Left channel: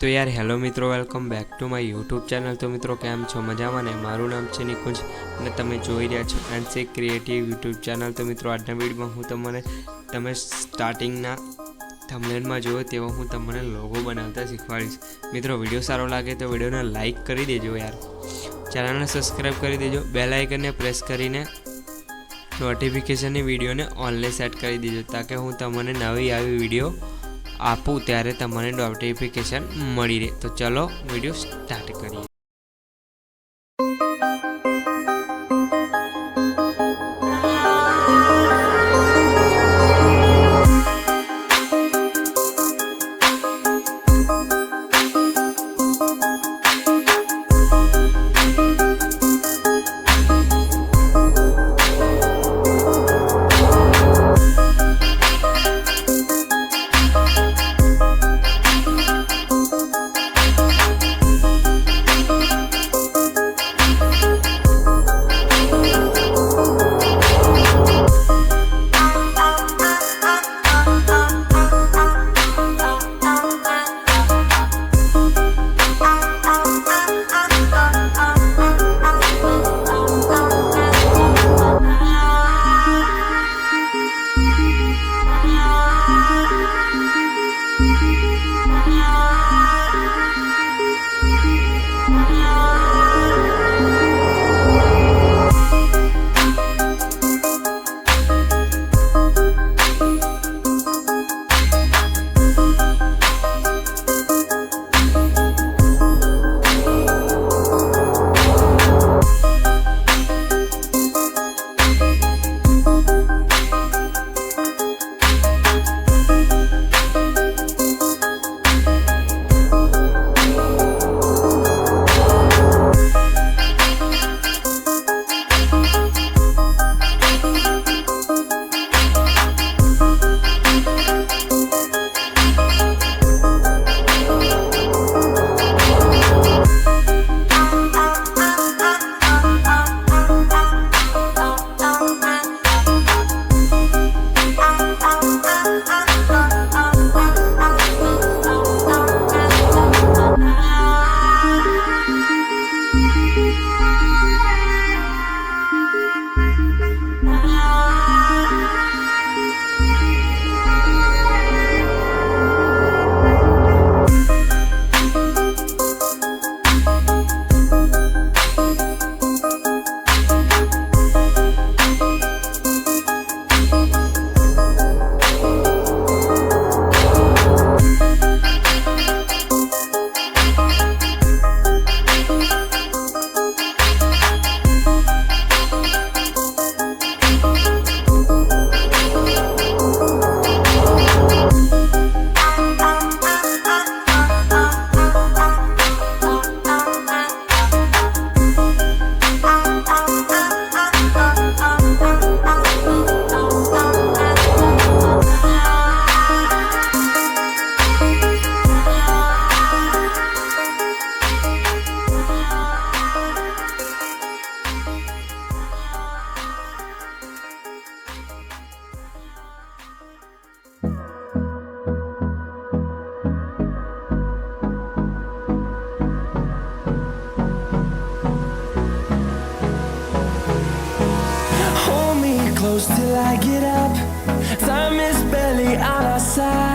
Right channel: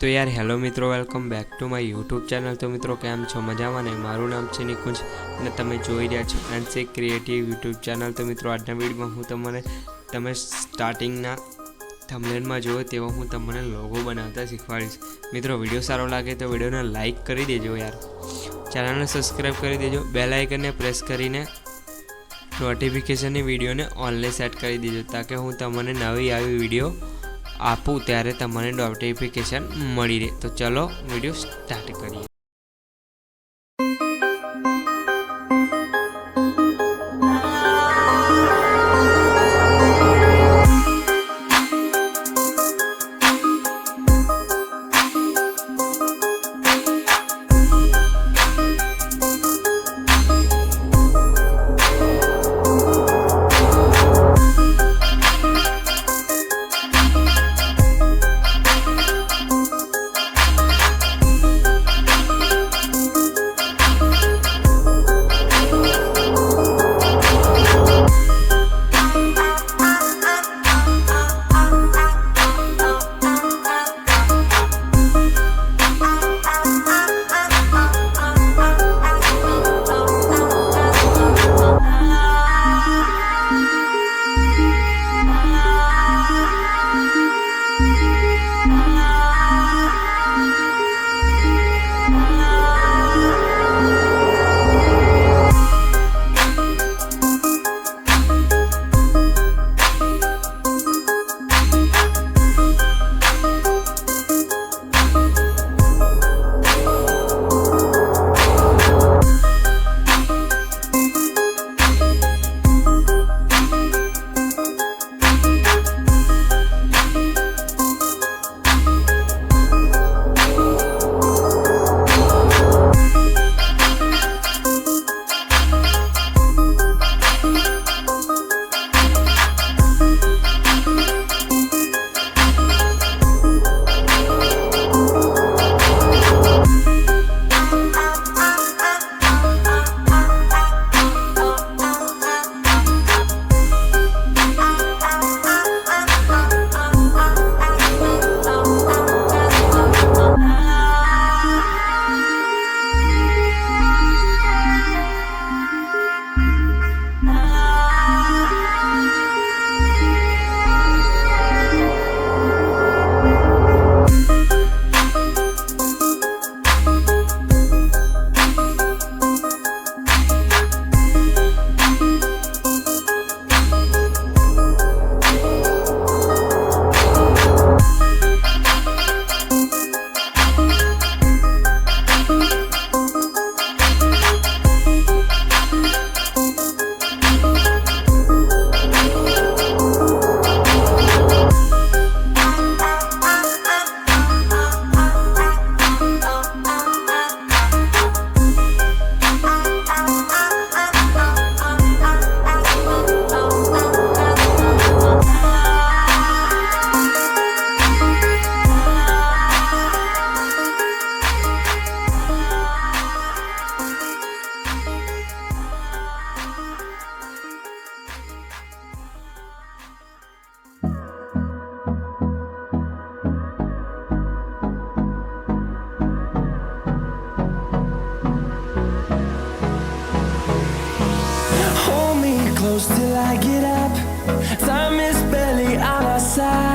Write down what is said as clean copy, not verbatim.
तो यार हेलो मित्रों, welcome back to my YouTube channel. तो मित्रों केम छो मजामां ने? मारू नाम छे निकुंज अने तमे जोई रह्या छो 𝗬𝗎 क्रिएटिव यूट्यूब चैनल। तो मित्रों आजना विडियो में हूँ तमे स्टार्टिंगना थंबनेलमां जोयो तेवो हूँ तमने लोगो बनावता शीखवाड़ीश। मित्रों विडियो सारो लागे तो विडियोने लाइक करी देजो यार, चैनलने सब्सक्राइब करी देजो, बेल आइकनने प्रेस करीने नोटिफिकेशननी विडियोने ऑनलाइन सेट करी देजो ताकि हूँ तमने नवी आवी विडियो आपू त्यारे तमने नोटिफिकेशन मळी रहे। तो चलो विडियो स्टार्ट करिए। Close till I get up. Time is barely on our side.